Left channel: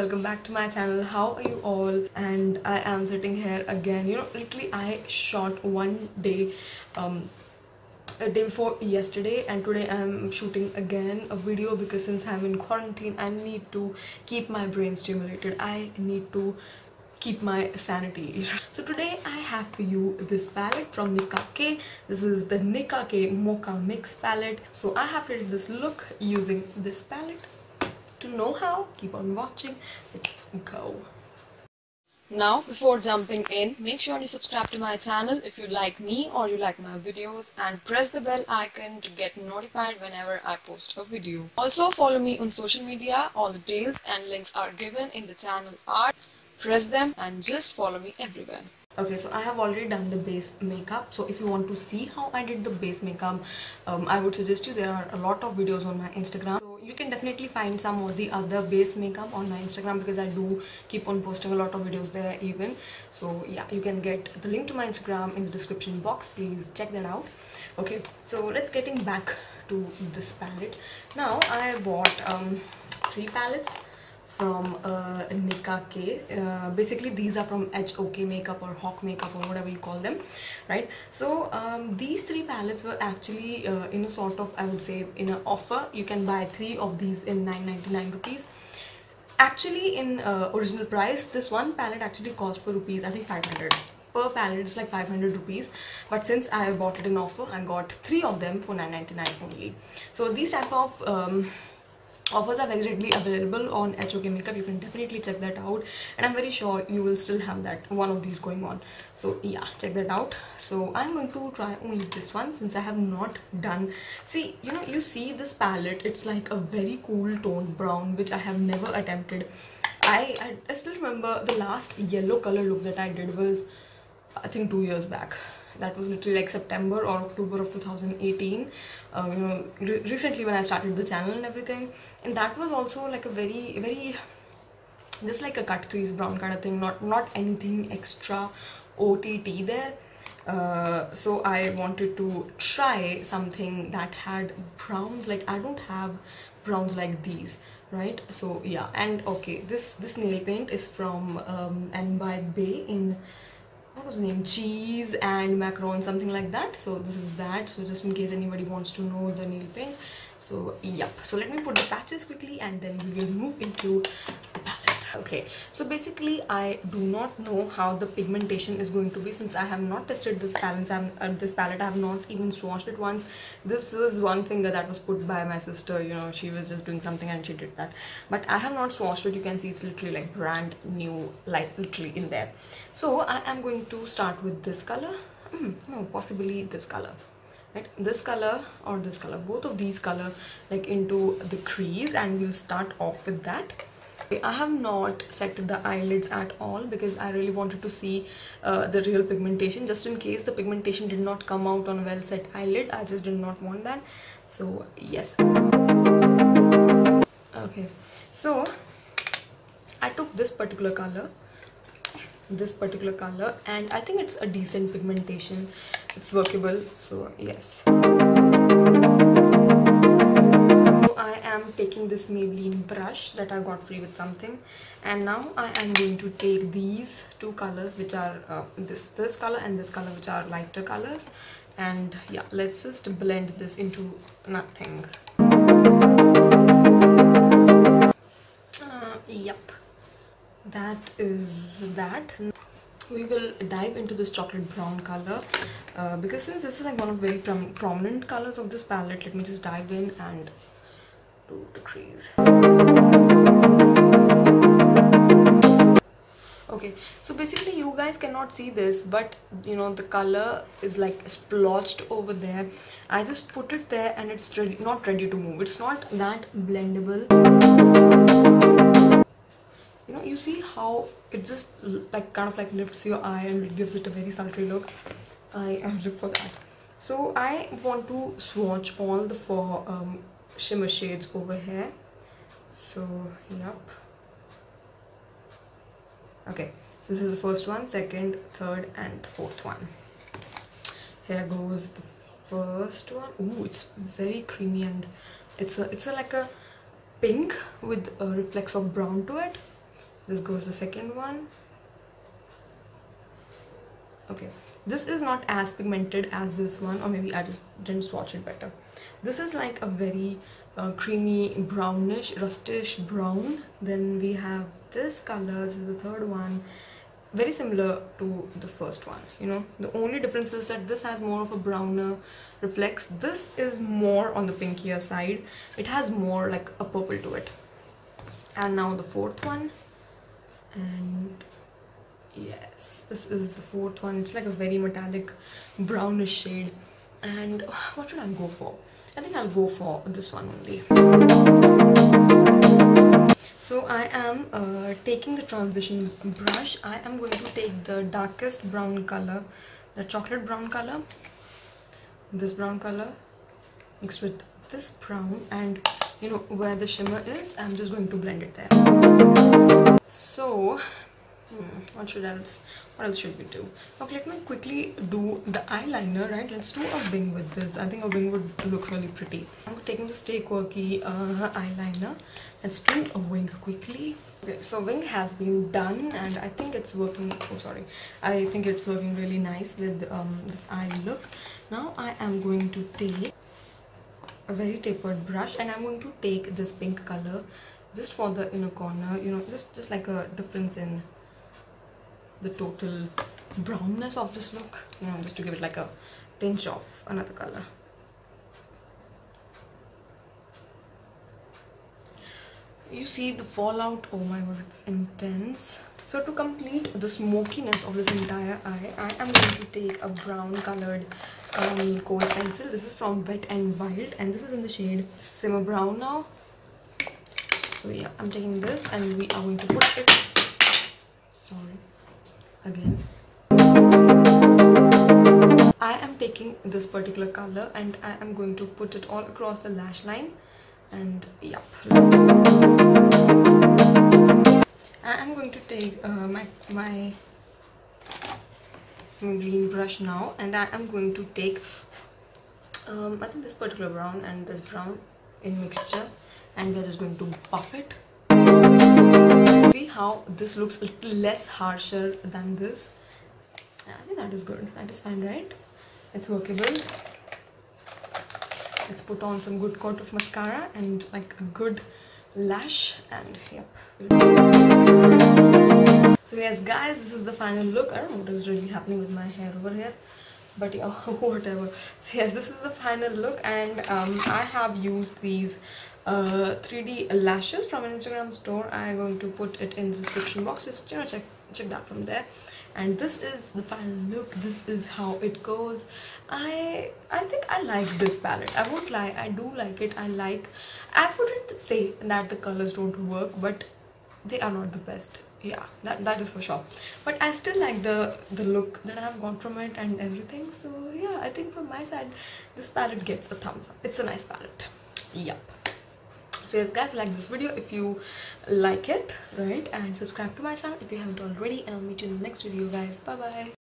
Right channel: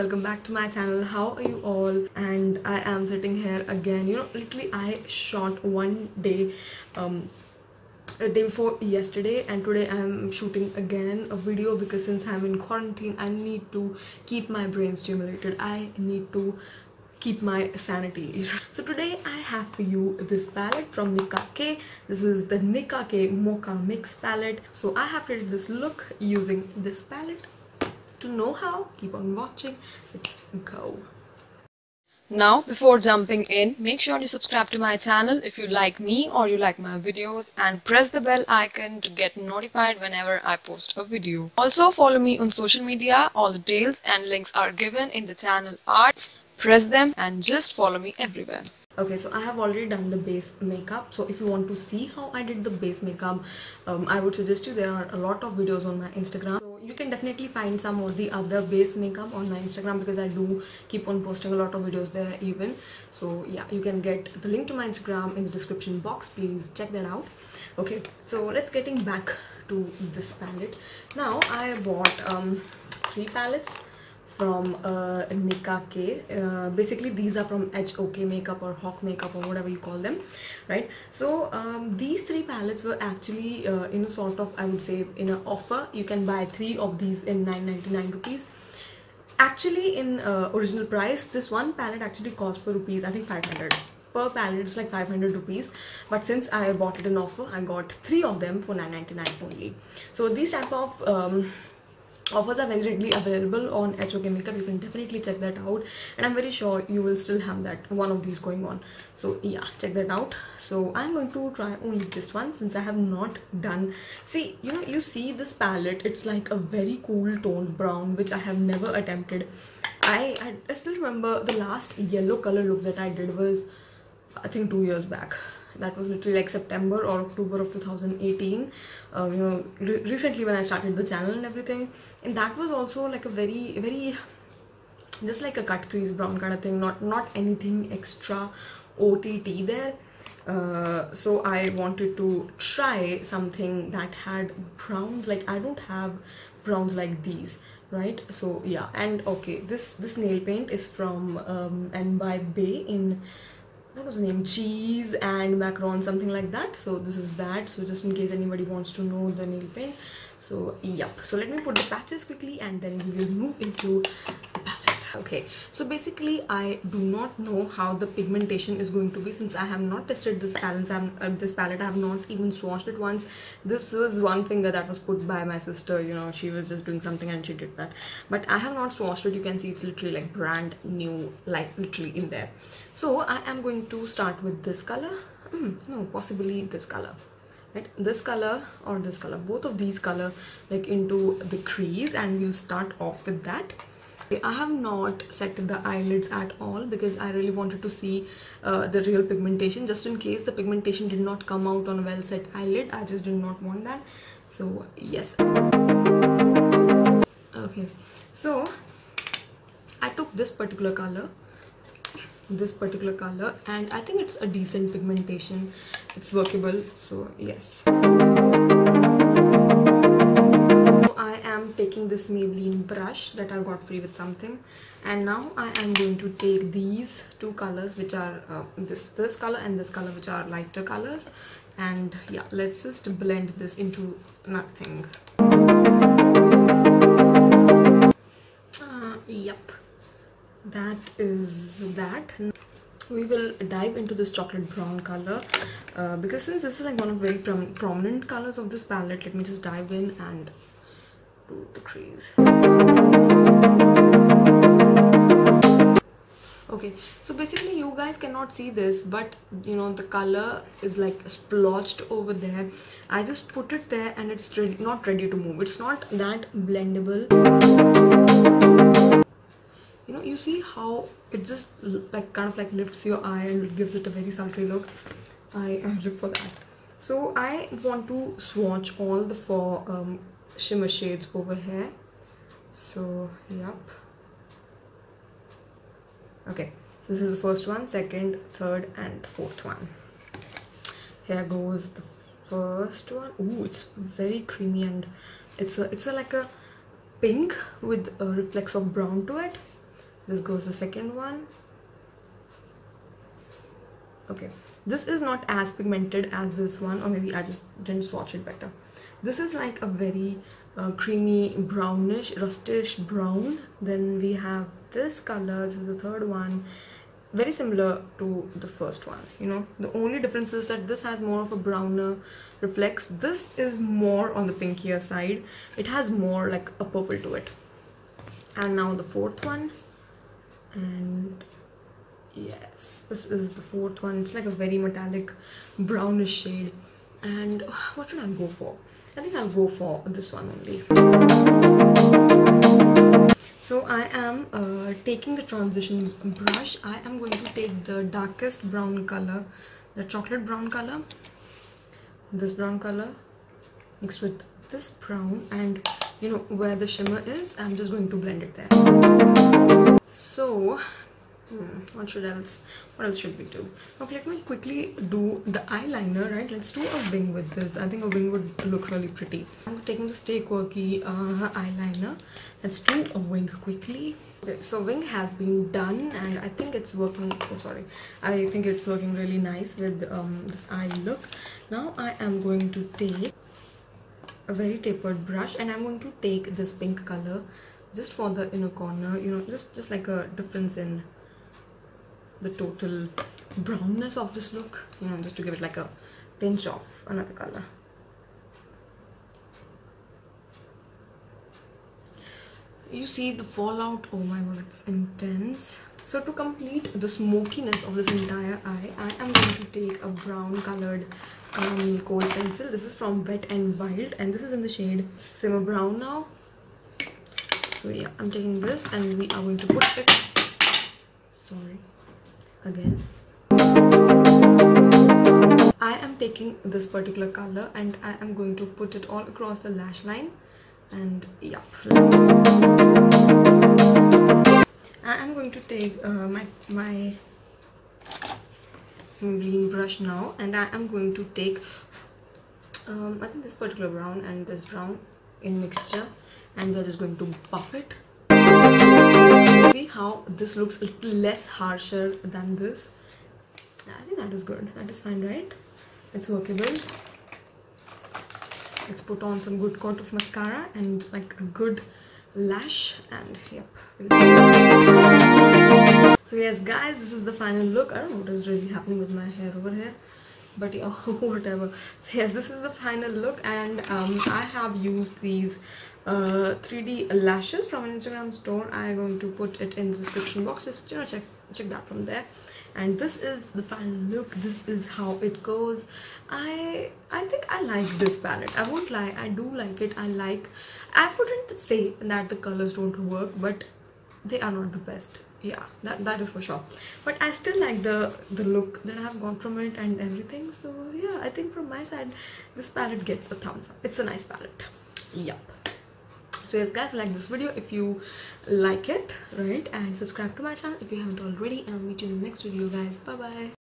welcome back to my channel. How are you all? And I am sitting here again. Literally I shot one day a day before yesterday, and today I'm shooting again a video because since I'm in quarantine I need to keep my brain stimulated. I need to keep my sanity. So today I have for you this palette from Nicka K. This is the Nicka K Mocha mix palette. So I have created this look using this palette. To know how, keep on watching. Let's go. Now, before jumping in, make sure you subscribe to my channel if you like me or you like my videos, and press the bell icon to get notified whenever I post a video. Also, follow me on social media. All the details and links are given in the channel art. Press them and just follow me everywhere. Okay, so I have already done the base makeup. So if you want to see how I did the base makeup, I would suggest you, there are a lot of videos on my Instagram. So you can definitely find some of the other base makeup on my Instagram because I do keep on posting a lot of videos there even. So yeah, you can get the link to my Instagram in the description box. Please check that out. Okay, so let's getting back to this palette. Now I bought 3 palettes from Nicka K. Basically these are from HOK makeup or Hawk makeup or whatever you call them, right? So these 3 palettes were actually in a sort of, I would say, in an offer. You can buy 3 of these in 999 rupees. Actually in original price, this one palette actually cost for rupees, I think 500 per palette. It's like 500 rupees, but since I bought it in offer, I got 3 of them for 999 only. So these type of offers are very readily available on HOK makeup. You can definitely check that out, and I'm very sure you will still have that one of these going on. So yeah, check that out. So I'm going to try only this one since I have not done. See, you see this palette, it's like a very cool toned brown, which I have never attempted. I still remember the last yellow color look that I did was, I think, 2 years back. That was literally like September or October of 2018. Recently when I started the channel and everything, and that was also like a very just like a cut crease brown kind of thing, not anything extra OTT there. So I wanted to try something that had browns. Like I don't have browns like these, right? So yeah, and okay, this nail paint is from and by Bay in, what was the name, cheese and macaron, something like that. So this is that, so just in case anybody wants to know the nail paint. So yep, so let me put the patches quickly and then we will move into the palette. Okay, so basically I do not know how the pigmentation is going to be since I have not tested this palette. I have not even swatched it once. This was one finger that was put by my sister. She was just doing something and she did that, but I have not swatched it. You can see it's literally like brand new, like literally in there. So I am going to start with this color. No, possibly this color, right? This color or this color, both of these color, like into the crease, and we'll start off with that. I have not set the eyelids at all because I really wanted to see the real pigmentation, just in case the pigmentation did not come out on a well set eyelid. I just did not want that. So yes. Okay, so I took this particular color, and I think it's a decent pigmentation. It's workable, so yes. I am taking this Maybelline brush that I got free with something, and now I am going to take these 2 colors, which are this color and this color, which are lighter colors, and yeah, let's just blend this into nothing. Yep, that is that. We will dive into this chocolate brown color because since this is like one of very prominent colors of this palette, let me just dive in and do the crease. Okay, so basically you guys cannot see this, but the color is like splotched over there. I just put it there and it's not ready to move. It's not that blendable. You see how it just like kind of like lifts your eye and it gives it a very sultry look. I live for that. So I want to swatch all the 4 shimmer shades over here. So yep. Okay, so this is the first one, second, third and fourth one. Here goes the first one. Ooh, it's very creamy and it's a like a pink with a reflex of brown to it. This goes the second one. Okay, this is not as pigmented as this one, or maybe I just didn't swatch it better. This is like a very creamy brownish, rustish brown. Then we have this color. This is the third one. Very similar to the first one, you know. The only difference is that this has more of a browner reflex. This is more on the pinkier side. It has more like a purple to it. And now the fourth one. And yes, this is the fourth one. It's like a very metallic brownish shade. And what should I go for? I think I'll go for this one only. So I am taking the transition brush. I am going to take the darkest brown color, the chocolate brown color, this brown color mixed with this brown, and you know where the shimmer is, I'm just going to blend it there. So what else should we do? Okay, let me quickly do the eyeliner, right? Let's do a wing with this. I think a wing would look really pretty. I'm taking the Stay Quirky eyeliner. Let's do a wing quickly. Okay, so wing has been done, and I think it's working. Oh, sorry. I think it's working really nice with this eye look. Now I am going to take a very tapered brush, and I'm going to take this pink color just for the inner corner. You know, just like a difference in the total brownness of this look, you know, just to give it like a tinge of another color. You see the fallout? Oh my god, it's intense. So to complete the smokiness of this entire eye, I am going to take a brown colored kohl pencil. This is from Wet n Wild, and this is in the shade Simmer Brown now. So yeah, I'm taking this, and we are going to put it, sorry, again. I am taking this particular color, and I am going to put it all across the lash line, and yep. I am going to take my Maybelline brush now, and I am going to take I think this particular brown and this brown in mixture, and we're just going to buff it. See how this looks a little less harsher than this? I think that is good. That is fine, right? It's workable. Let's put on some good coat of mascara and like a good lash, and yep. So yes guys, this is the final look. I don't know what is really happening with my hair over here, but yeah, whatever. So yes, this is the final look, and I have used these 3D lashes from an Instagram store. I'm going to put it in the description box. Just, you know, check that from there. And this is the final look. This is how it goes. I think I like this palette. I won't lie, I do like it. I wouldn't say that the colors don't work, but they are not the best. Yeah, that is for sure. But I still like the look that I have got from it and everything. So yeah, I think from my side, this palette gets a thumbs up. It's a nice palette. Yep. So yes guys, like this video if you like it, right? And subscribe to my channel if you haven't already, and I'll meet you in the next video guys. Bye bye.